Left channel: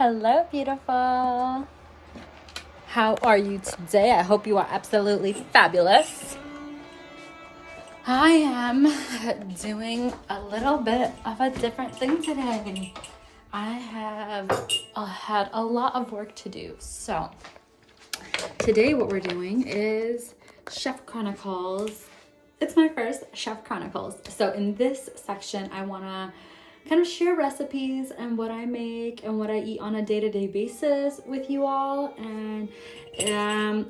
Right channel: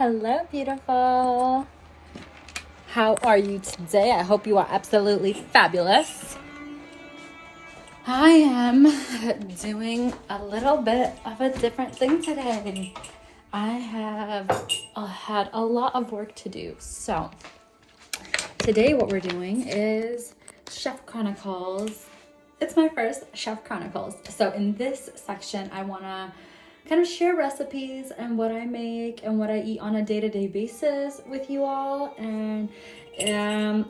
Hello, beautiful. How are you today? I hope you are absolutely fabulous. I am doing a little bit of a different thing today. I have had a lot of work to do. So today what we're doing is Chef Chronicles. It's my first Chef Chronicles. So in this section, I want to kind of share recipes and what I make and what I eat on a day-to-day basis with you all. And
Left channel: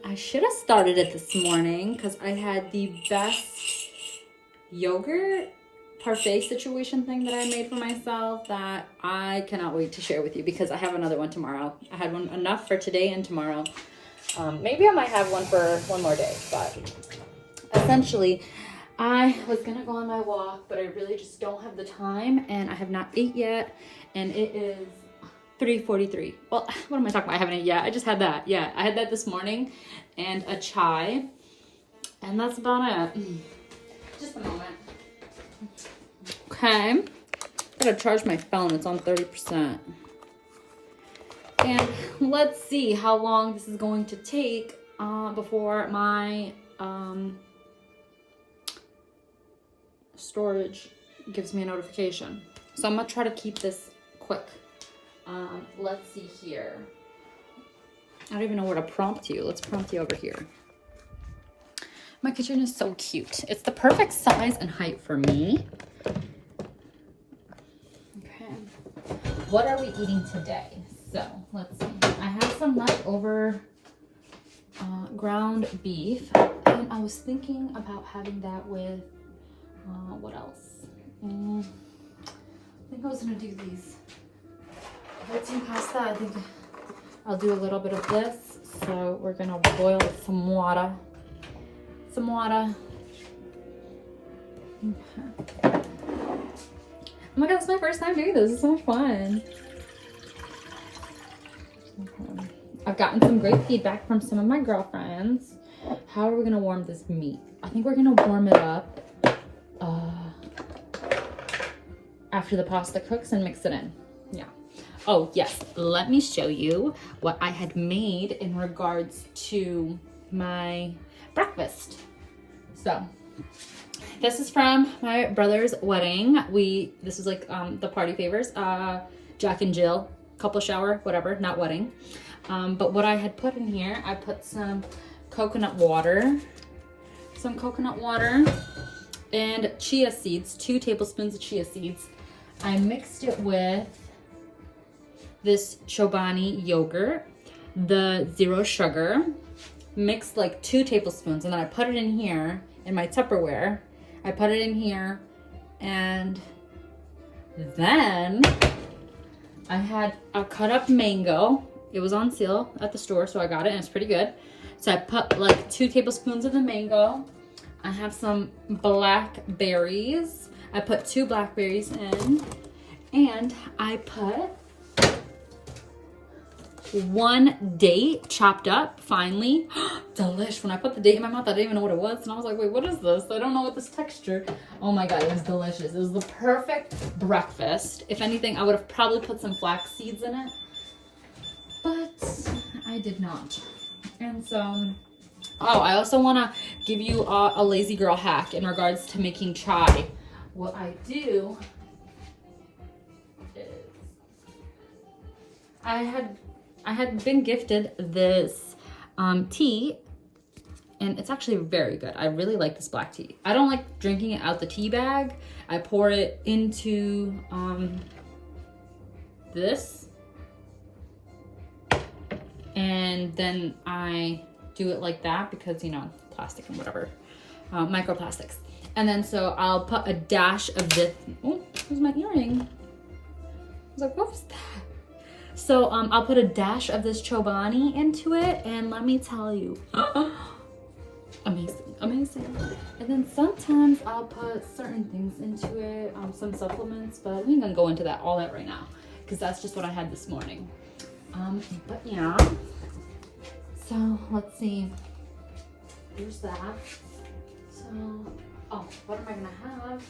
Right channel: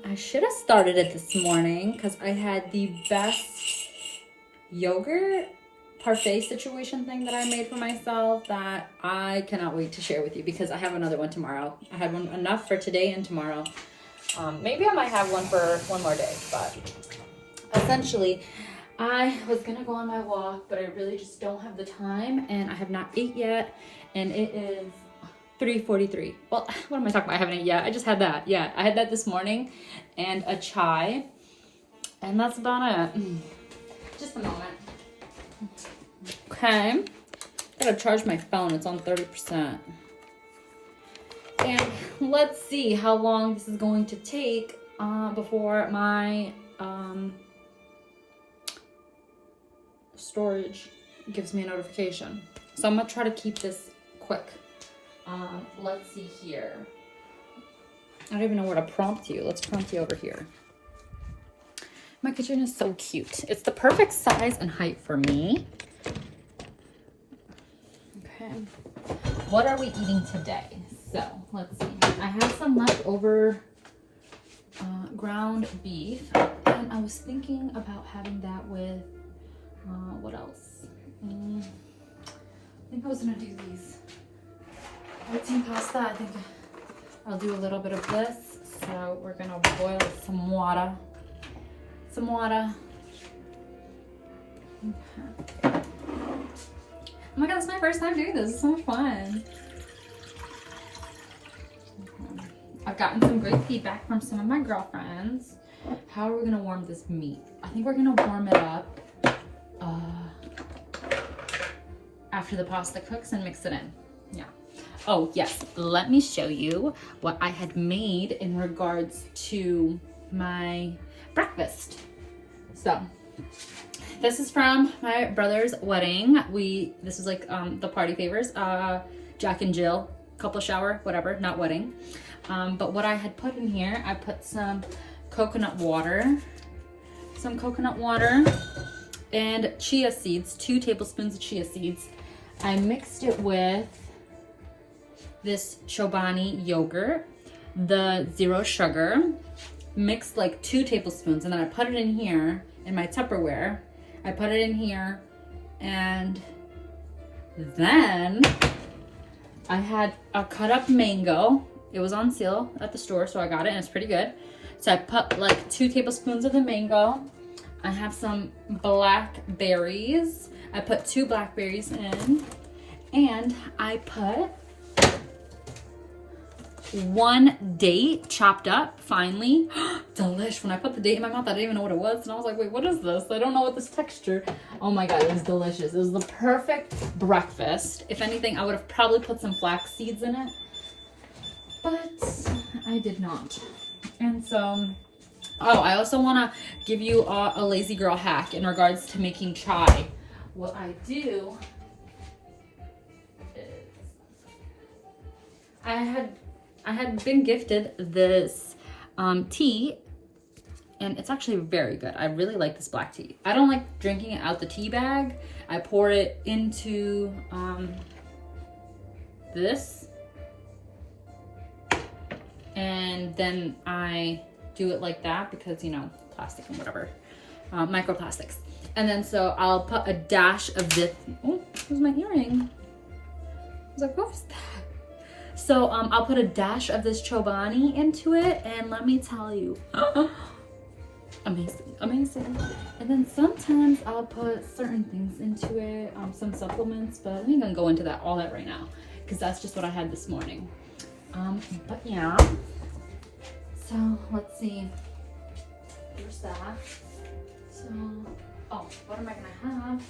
I should have started it this morning because I had the best yogurt parfait situation thing that I made for myself that I cannot wait to share with you because I have another one tomorrow. I had one enough for today and tomorrow. Maybe I might have one for one more day, but essentially I was gonna go on my walk, but I really just don't have the time and I have not ate yet, and it is 3:43. Well, what am I talking about? I haven't ate yet. I just had that. Yeah, I had that this morning and a chai, and that's about it. Just a moment. Okay, I gotta charge my phone. It's on 30%. And let's see how long this is going to take before my storage gives me a notification. So I'm gonna try to keep this quick. Let's see here. I don't even know where to prompt you. Let's prompt you over here. My kitchen is so cute. It's the perfect size and height for me. Okay. What are we eating today? So let's see. I have some leftover ground beef, and I was thinking about having that with what else? I think I was gonna do these protein pasta. I think I'll do a little bit of this. So we're gonna boil some water. Okay. Oh my god, it's my first time doing this. It's so much fun. Okay. I've gotten some great feedback from some of my girlfriends. How are we gonna warm this meat? I think we're gonna warm it up after the pasta cooks and mix it in. Yeah. Oh yes, let me show you what I had made in regards to my breakfast. So this is from my brother's wedding. This is like the party favors, Jack and Jill, couple shower, whatever, not wedding. But what I had put in here, I put some coconut water and chia seeds, 2 tablespoons of chia seeds. I mixed it with this Chobani yogurt, the zero sugar, mixed like 2 tablespoons, and then I put it in here in my Tupperware. I put it in here, and then I had a cut up mango. It was on sale at the store, so I got it, and it's pretty good. So I put like 2 tablespoons of the mango. I have some blackberries. I put 2 blackberries in, and I put 1 date chopped up finely. Delish. When I put the date in my mouth, I didn't even know what it was, and I was like, wait, what is this? I don't know what this texture. Oh my god, it was delicious. It was the perfect breakfast. If anything, I would have probably put some flax seeds in it, but I did not. And so, oh, I also want to give you a lazy girl hack in regards to making chai. What I do is I had been gifted this tea, and it's actually very good. I really like this black tea. I don't like drinking it out the tea bag. I pour it into this, and then I do it like that because, you know, plastic and whatever, microplastics. And then so I'll put a dash of this. Oh, there's my earring. I was like, what was that? So I'll put a dash of this Chobani into it, and let me tell you, amazing. And then sometimes I'll put certain things into it, some supplements, but we ain't gonna go into all that right now, because that's just what I had this morning. But yeah, so let's see, there's that. So, oh, what am I gonna have?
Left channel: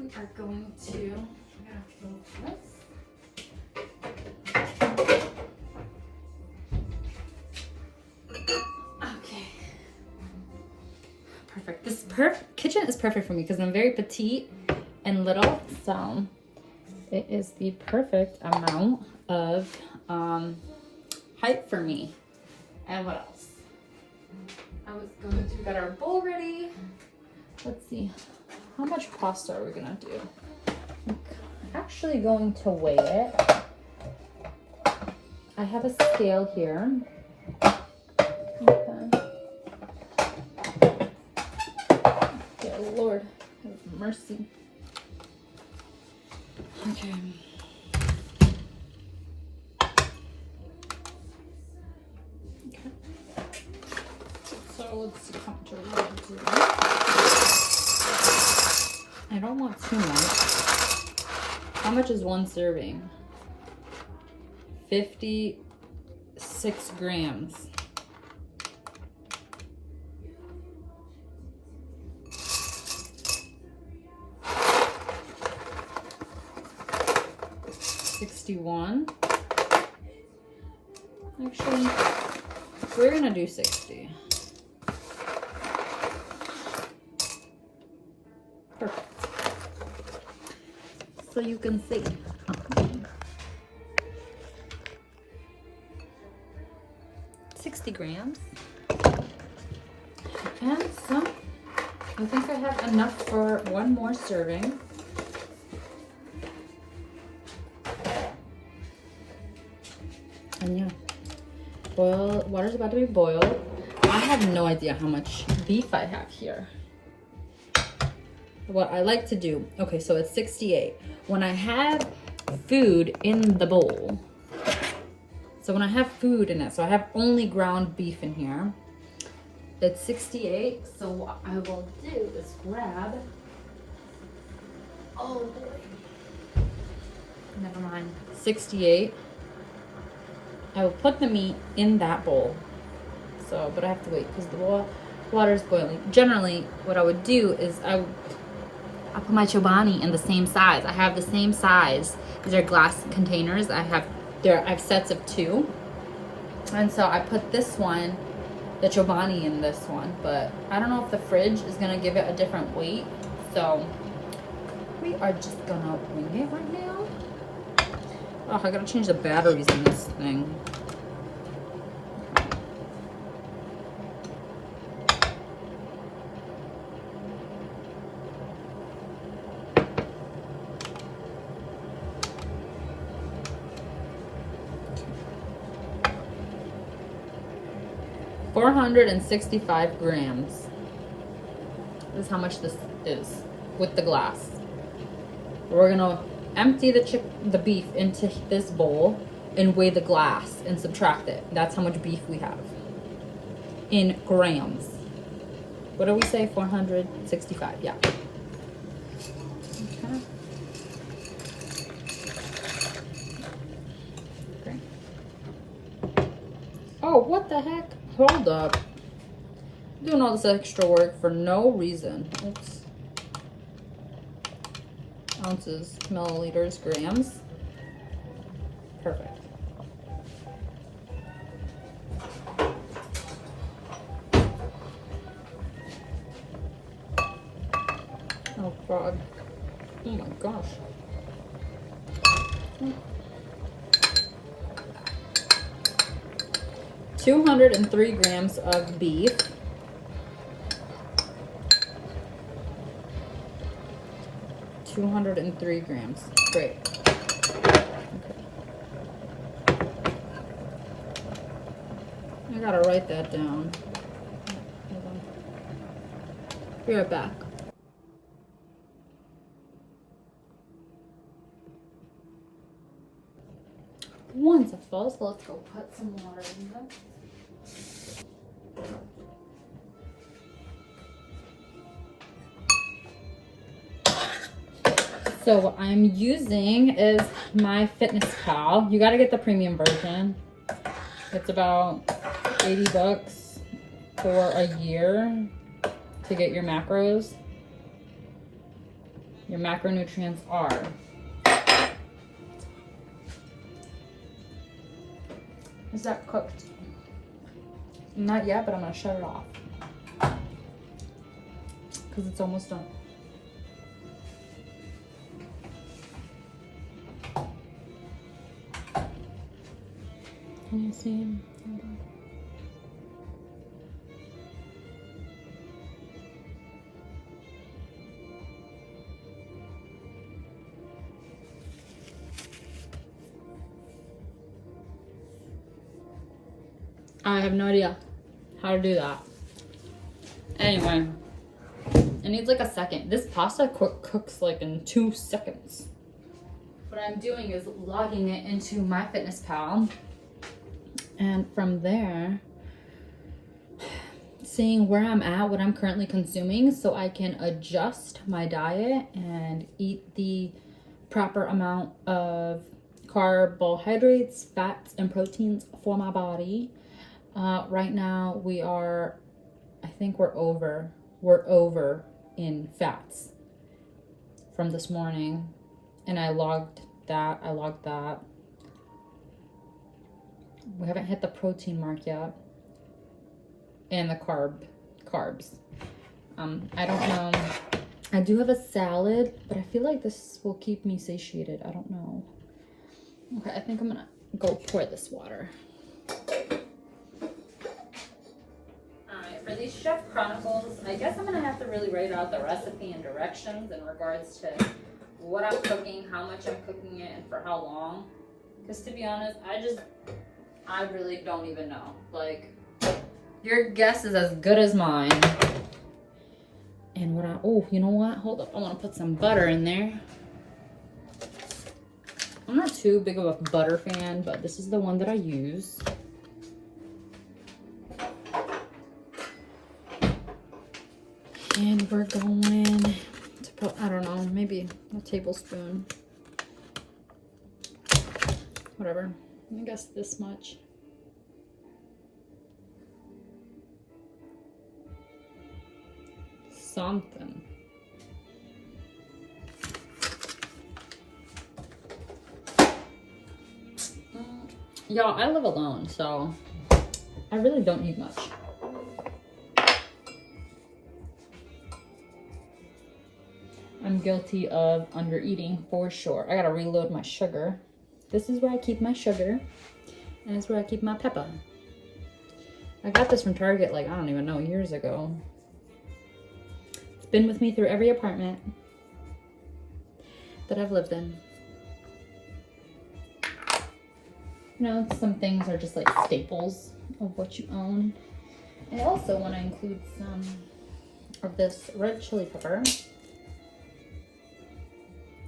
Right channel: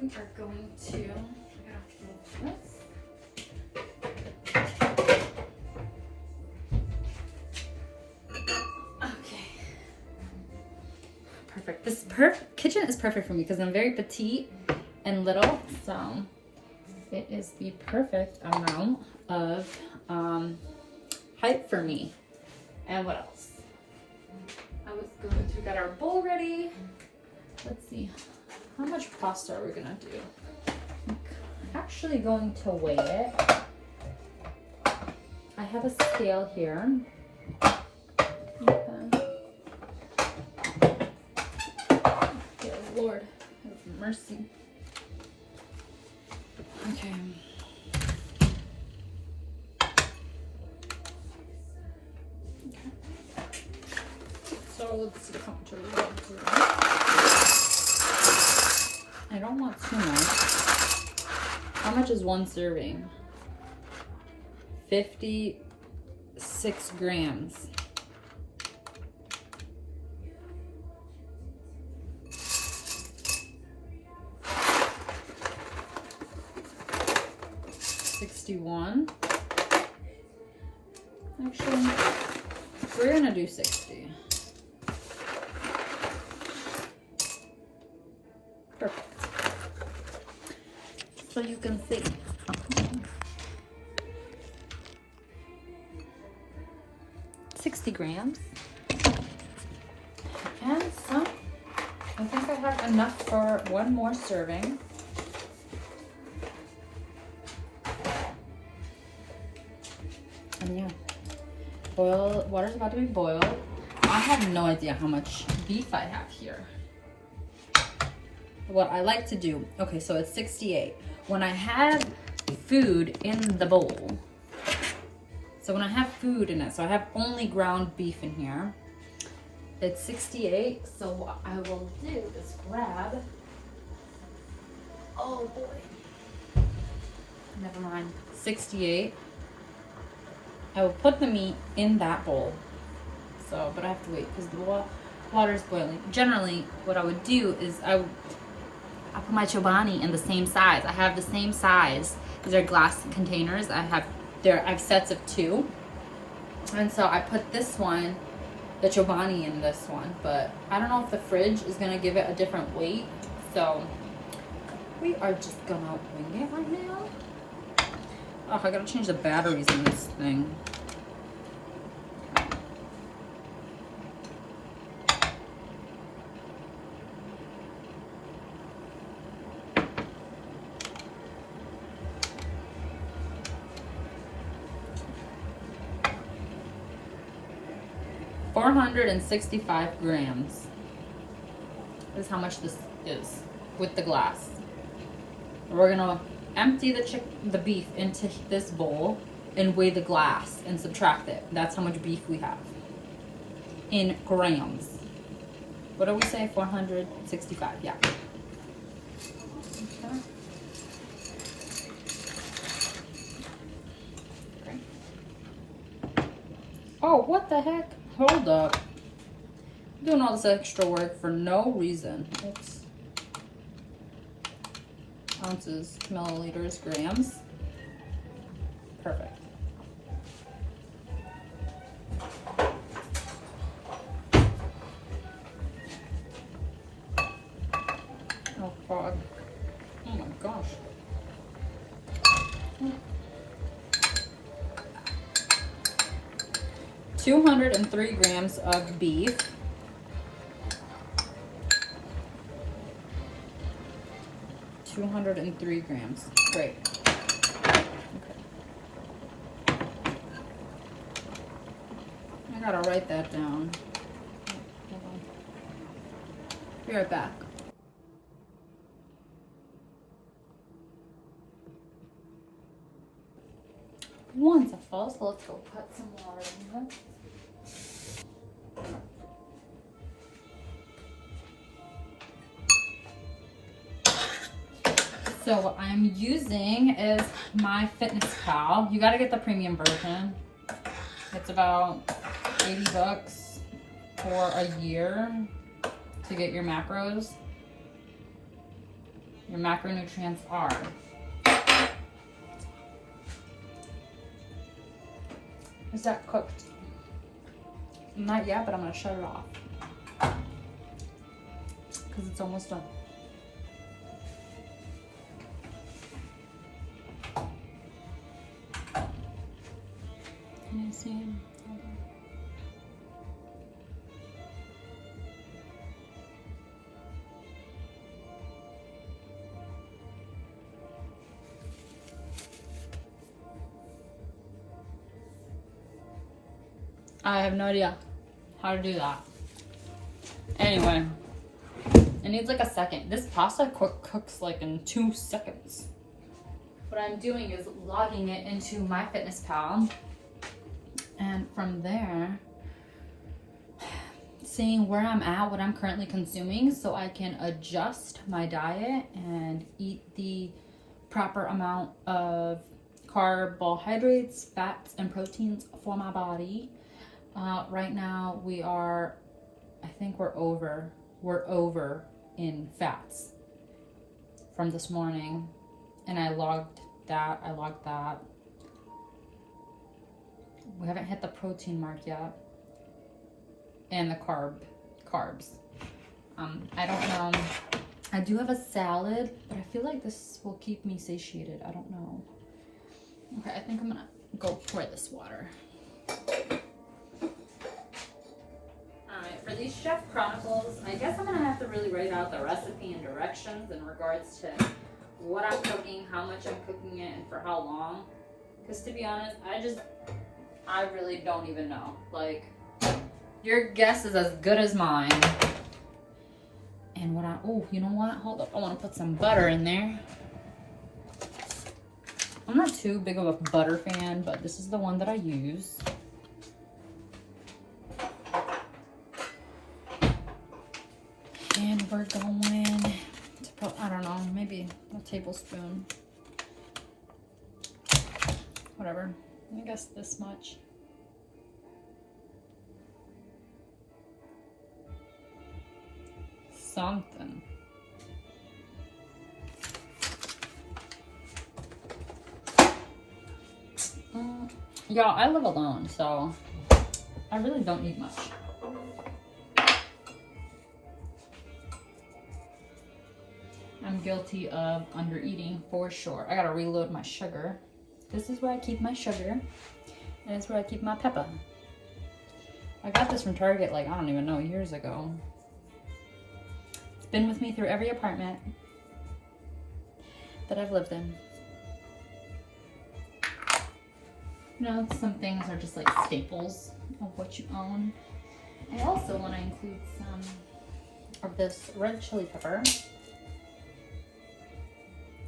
We are going to, I gotta move this. perfect. This kitchen is perfect for me because I'm very petite and little, so it is the perfect amount of height for me. And what else? I was going to get our bowl ready. Let's see, how much pasta are we gonna do? I'm actually going to weigh it. I have a scale here. Okay. Oh Lord, have mercy. Okay. So let's see how much are we doing. I don't want too much. How much is one serving? 56 grams. $61. Actually, we're gonna do 60. Perfect. So you can see. 60 grams. And so I think I have enough for one more serving. And yeah, water's about to be boiled. I have no idea how much beef I have here. What I like to do, okay, so it's 68. When I have food in the bowl, so when I have food in it, so I have only ground beef in here, it's 68. So what I will do is grab, oh boy, never mind, 68. I will put the meat in that bowl. So, but I have to wait because the water is boiling. Generally, what I would do is I put my Chobani in the same size. I have the same size. These are glass containers. I have sets of 2. And so I put this one, the Chobani, in this one, but I don't know if the fridge is gonna give it a different weight. So we are just gonna wing it right now. Oh, I gotta change the batteries in this thing. 465 grams is how much this is with the glass. We're gonna empty the beef into this bowl and weigh the glass and subtract it. That's how much beef we have in grams. What do we say? 465, yeah. Okay. Okay. Oh, what the heck? Hold up. I'm doing all this extra work for no reason. Oops. Ounces, milliliters, grams. Perfect. Oh God. Oh my gosh. 203 grams of beef. 203 grams. Great. Okay. I gotta write that down. Hold on. Be right back. Once I fall, so let's go put some water in here. So what I'm using is MyFitnessPal. You gotta get the premium version. It's about 80 bucks for a year to get your macros. Your macronutrients are is that cooked? Not yet, but I'm gonna shut it off. because it's almost done. Can you see? I have no idea how to do that. Anyway, it needs like a second. This pasta cooks like in 2 seconds. What I'm doing is logging it into MyFitnessPal, and from there, seeing where I'm at, what I'm currently consuming, so I can adjust my diet and eat the proper amount of carbohydrates, fats, and proteins for my body. Right now we are, I think we're over in fats from this morning, and I logged that. We haven't hit the protein mark yet, and the carbs. I don't know. I do have a salad, but I feel like this will keep me satiated. I don't know. Okay, I think I'm gonna go pour this water. For these Chef Chronicles, I guess I'm gonna have to really write out the recipe and directions in regards to what I'm cooking, how much I'm cooking it, and for how long. Because to be honest, I really don't even know. Like, your guess is as good as mine. And oh, you know what? Hold up, I wanna put some butter in there. I'm not too big of a butter fan, but this is the one that I use. And we're going to put, I don't know, maybe a tablespoon. Whatever. I guess this much. Something. Y'all, I live alone, so I really don't need much. I'm guilty of under eating for sure. I gotta reload my sugar. This is where I keep my sugar, and it's where I keep my pepper. I got this from Target like, I don't even know, years ago. It's been with me through every apartment that I've lived in. You know, some things are just like staples of what you own. I also want to include some of this red chili pepper.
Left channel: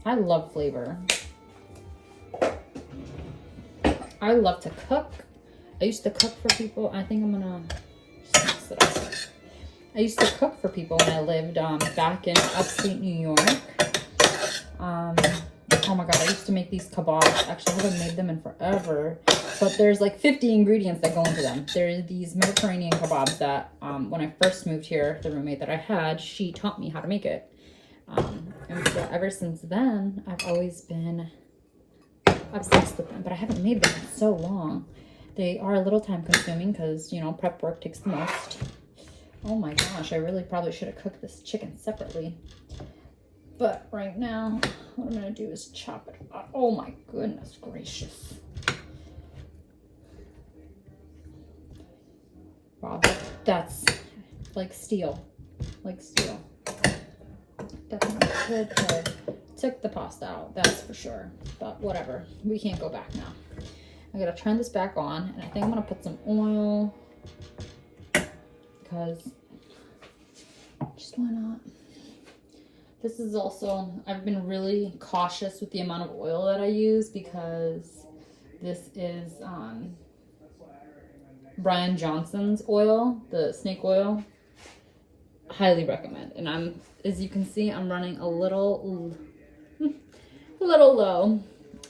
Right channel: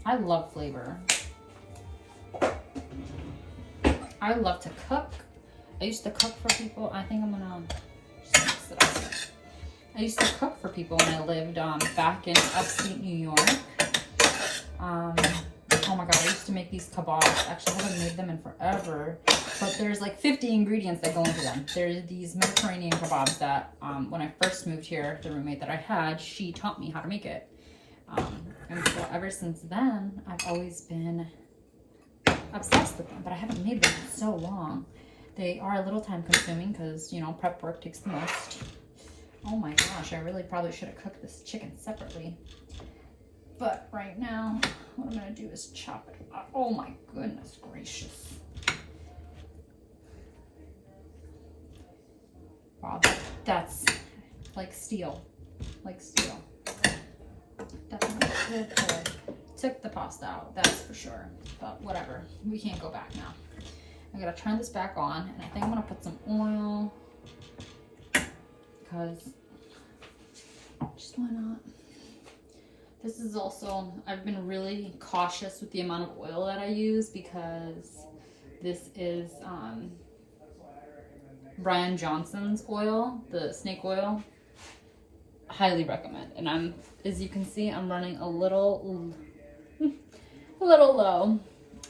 I love flavor. I love to cook. I used to cook for people. I think I'm gonna mix it up. I used to cook for people when I lived back in upstate New York. Oh my god, I used to make these kebabs. Actually, I haven't made them in forever. But there's like 50 ingredients that go into them. There's these Mediterranean kebabs that when I first moved here, the roommate that I had, she taught me how to make it. And so ever since then, I've always been obsessed with them, but I haven't made them in so long. They are a little time consuming because, you know, prep work takes the most. Oh my gosh, I really probably should have cooked this chicken separately. But right now, what I'm going to do is chop it up. Oh my goodness gracious. Wow, that's like steel. Like steel. Definitely good. Took the pasta out, that's for sure. But whatever, we can't go back now. I gotta turn this back on, and I think I'm gonna put some oil because just why not? This is also, I've been really cautious with the amount of oil that I use because this is Brian Johnson's oil, the snake oil. Highly recommend. And as you can see, I'm running a little low.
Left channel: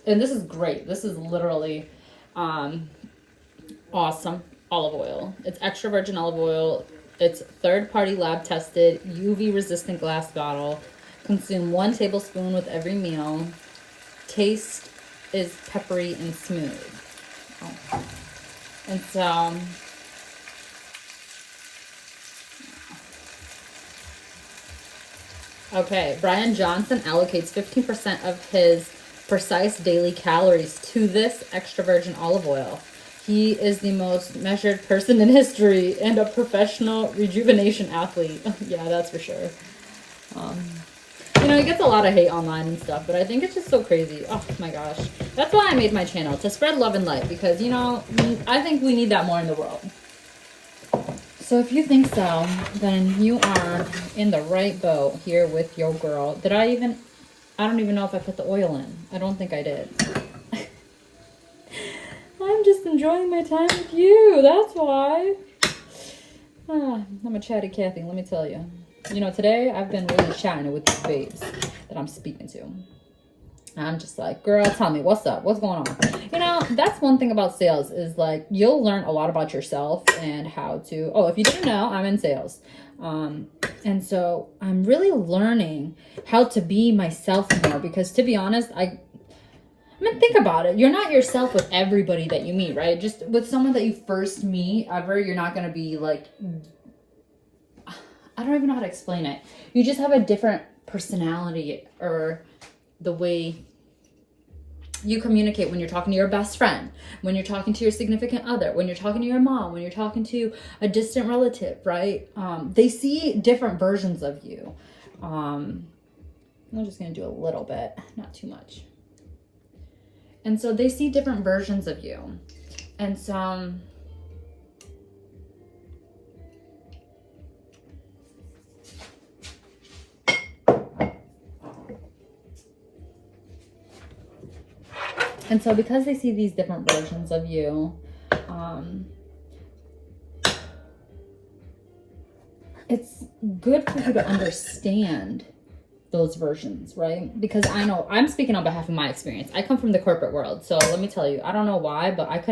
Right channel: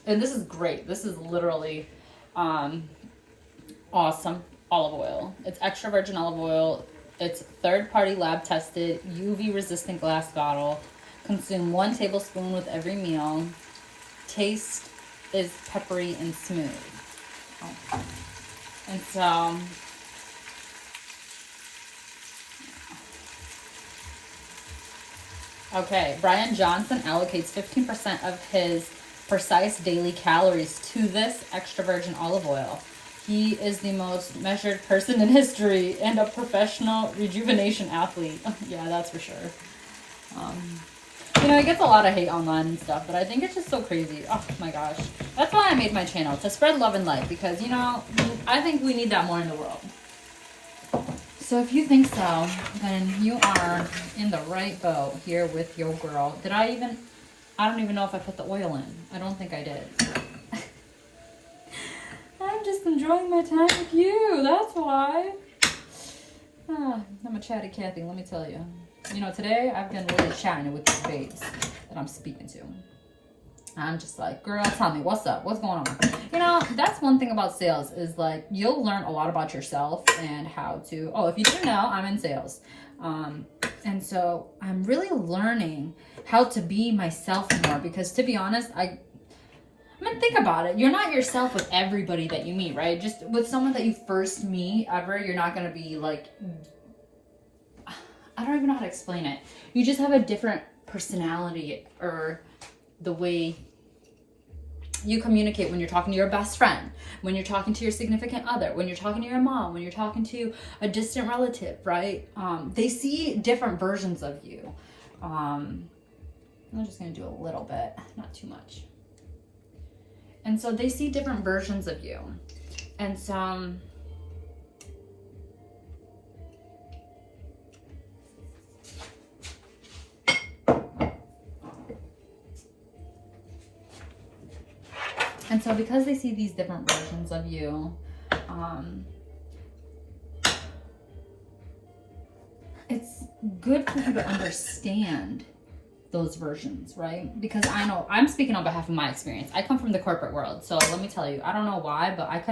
And this is great. This is literally awesome olive oil. It's extra virgin olive oil. It's third-party lab tested, UV resistant glass bottle. Consume 1 tablespoon with every meal. Taste is peppery and smooth. Oh. And so Okay, Brian Johnson allocates 15% of his precise daily calories to this extra virgin olive oil. He is the most measured person in history and a professional rejuvenation athlete. Yeah, that's for sure. You know, he gets a lot of hate online and stuff, but I think it's just so crazy. Oh my gosh. That's why I made my channel, to spread love and light, because, you know, I think we need that more in the world. So if you think so, then you are in the right boat here with your girl. I don't even know if I put the oil in. I don't think I did. I'm just enjoying my time with you. That's why. I'm a chatty Cathy, let me tell you. You know, today I've been really chatting with these babes that I'm speaking to. I'm just like, girl, tell me, what's up? What's going on? You know, that's one thing about sales is like, you'll learn a lot about yourself and how to, if you didn't know, I'm in sales. And so I'm really learning how to be myself more, because to be honest, I mean, think about it. You're not yourself with everybody that you meet, right? Just with someone that you first meet ever, you're not going to be like, I don't even know how to explain it. You just have a different personality, or the way you communicate when you're talking to your best friend, when you're talking to your significant other, when you're talking to your mom, when you're talking to a distant relative, right? They see different versions of you. I'm just going to do a little bit, not too much. And so they see different versions of you. And so because they see these different versions of you, it's good for you to understand those versions, right? Because I know, I'm speaking on behalf of my experience. I come from the corporate world. So let me tell you, I don't know why, but I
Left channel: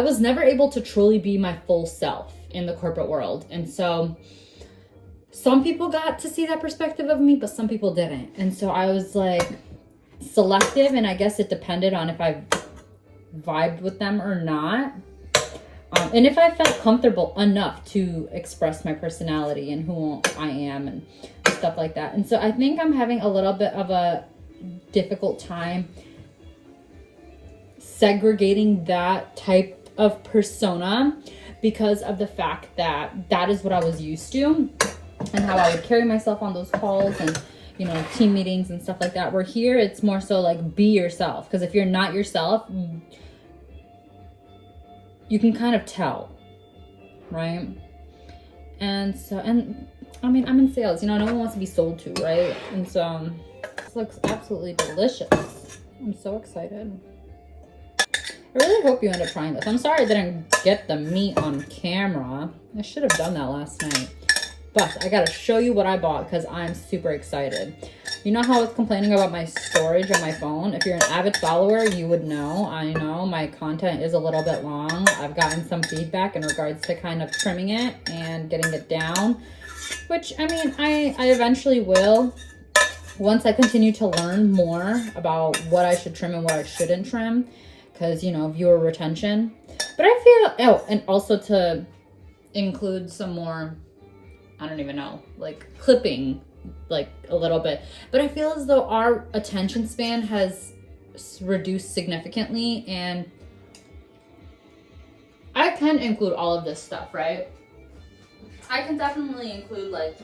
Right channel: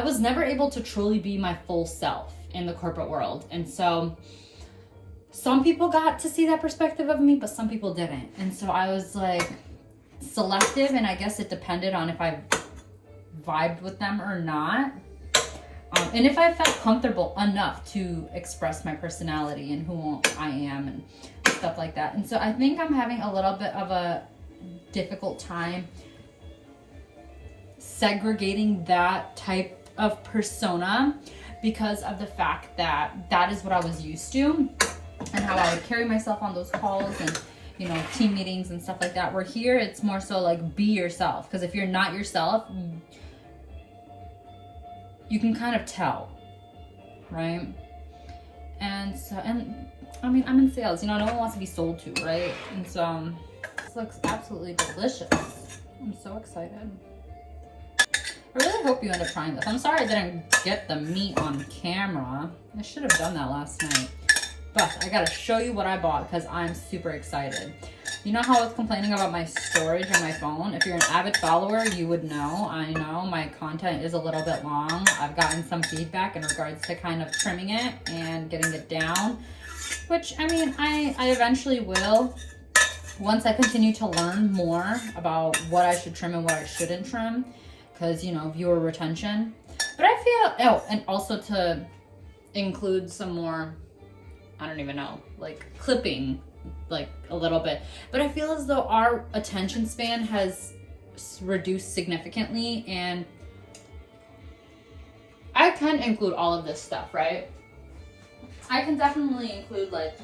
was never able to truly be my full self in the corporate world. And so some people got to see that perspective of me, but some people didn't. And so I was like selective, and I guess it depended on if I vibed with them or not. And if I felt comfortable enough to express my personality and who I am and stuff like that. And so I think I'm having a little bit of a difficult time segregating that type of persona, because of the fact that that is what I was used to and how I would carry myself on those calls and, you know, team meetings and stuff like that. Where here it's more so like, be yourself. Because if you're not yourself, you can kind of tell, right? And so, and I mean, I'm in sales, you know, no one wants to be sold to, right? And so this looks absolutely delicious. I'm so excited. I really hope you end up trying this. I'm sorry I didn't get the meat on camera. I should have done that last night. But I gotta show you what I bought because I'm super excited. You know how I was complaining about my storage on my phone? If you're an avid follower, you would know. I know my content is a little bit long. I've gotten some feedback in regards to kind of trimming it and getting it down, which, I mean, I eventually will once I continue to learn more about what I should trim and what I shouldn't trim, because, you know, viewer retention. But I feel, and also to include some more, I don't even know, like clipping, like a little bit. But I feel as though our attention span has reduced significantly, and I can include all of this stuff, right? I can definitely include like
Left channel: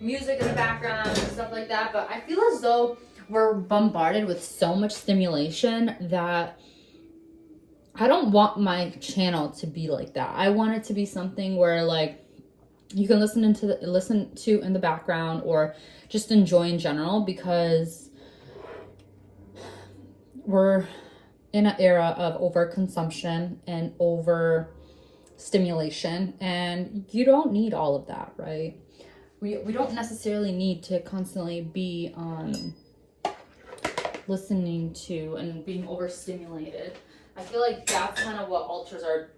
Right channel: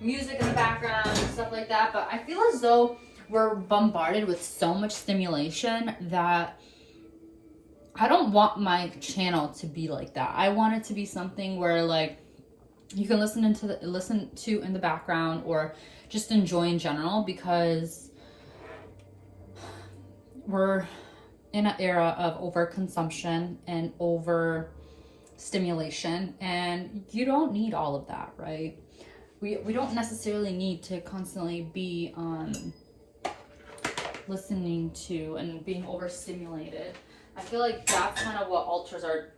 music in the background and stuff like that, but I feel as though we're bombarded with so much stimulation that I don't want my channel to be like that. I want it to be something where like you can listen to in the background or just enjoy in general, because we're in an era of overconsumption and overstimulation, and you don't need all of that, right? We don't necessarily need to constantly be listening to and being overstimulated. I feel like that's kind of what alters our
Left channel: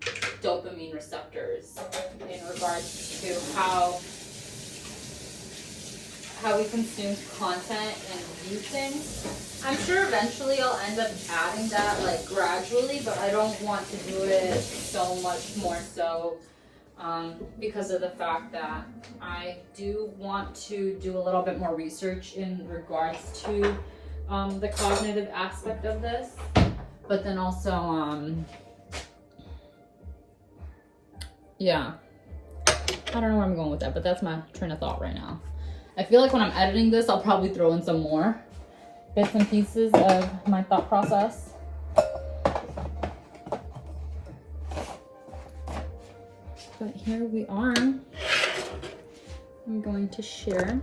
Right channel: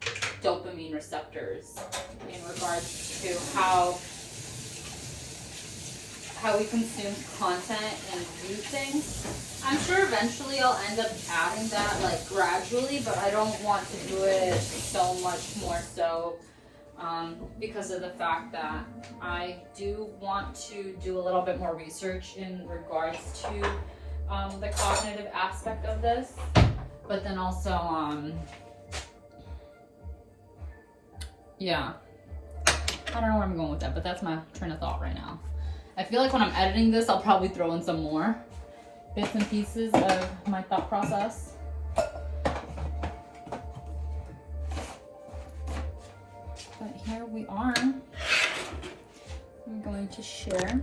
dopamine receptors in regards to how we consume content and view things. I'm sure eventually I'll end up adding that like gradually, but I don't want to do it so much more so because of the fact that I do want to do a little bit more research in regards to the cognitive aspect of this, but then also, yeah, I don't know where I'm going with that, but that's my train of thought right now. I feel like when I'm editing this, I'll probably throw in some more bits and pieces of my thought process. But here we are. I'm going to share.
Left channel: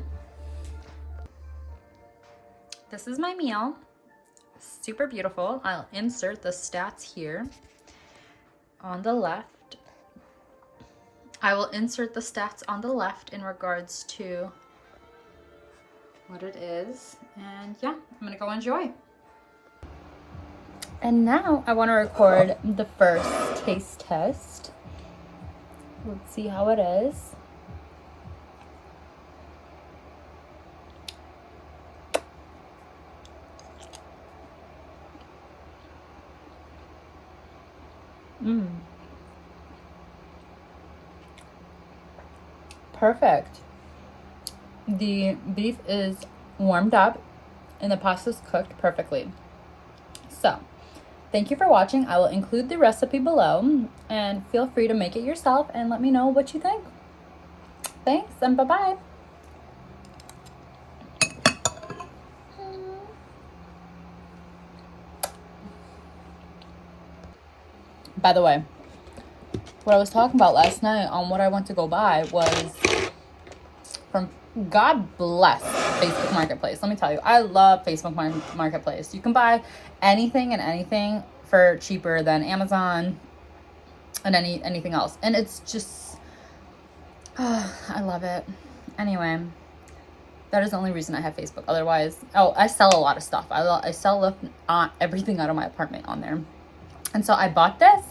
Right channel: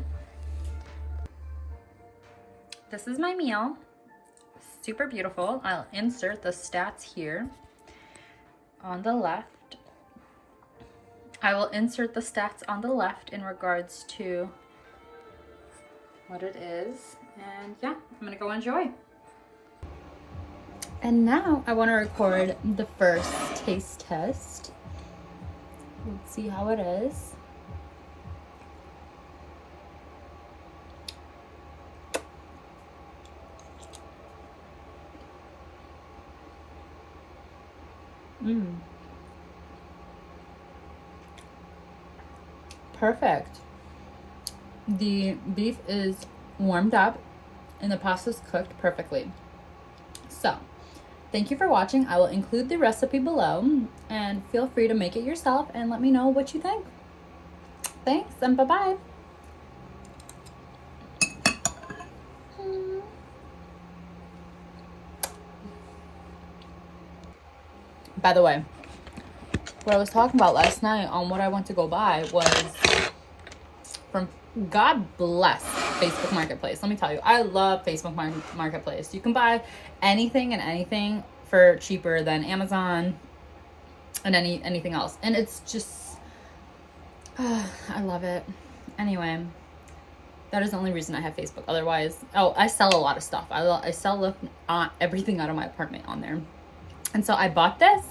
This is my meal. Super beautiful. I'll insert the stats here on the left. I will insert the stats on the left in regards to what it is. And yeah, I'm gonna go enjoy. And now I want to record the first taste test. Let's see how it is. Perfect. The beef is warmed up and the pasta's cooked perfectly. So, thank you for watching. I will include the recipe below and feel free to make it yourself and let me know what you think. Thanks and bye-bye. By the way, what I was talking about last night on what I went to go buy was from, God bless Facebook Marketplace. Let me tell you, I love Facebook Marketplace. You can buy anything and anything for cheaper than Amazon and anything else. And it's just, I love it. Anyway, that is the only reason I have Facebook. Otherwise, oh, I sell a lot of stuff. I sell everything out of my apartment on there. And so I bought this.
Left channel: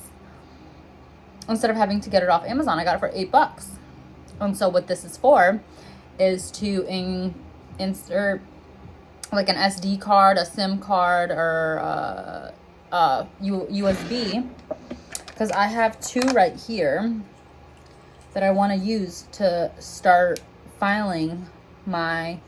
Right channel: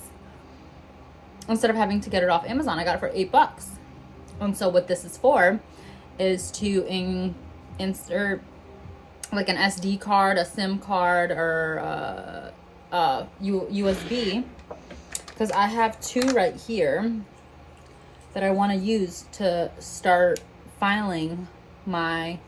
Instead of having to get it off Amazon, I got it for $8. And so what this is for is to insert like an SD card, a SIM card, or USB. Because I have two right here that I want to use to start filing my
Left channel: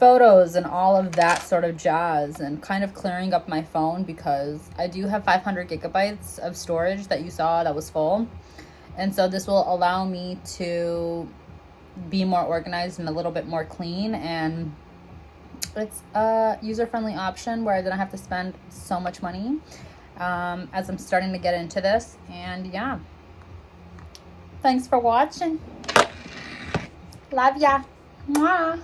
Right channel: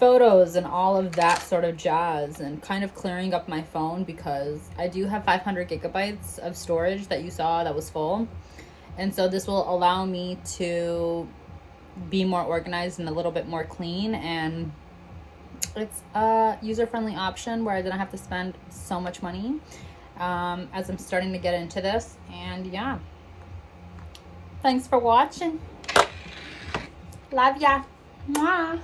photos and all of that sort of jazz, and kind of clearing up my phone, because I do have 500 gigabytes of storage that you saw that was full. And so this will allow me to be more organized and a little bit more clean, and it's a user-friendly option where I didn't have to spend so much money as I'm starting to get into this. And yeah, thanks for watching. Love ya. Mwah.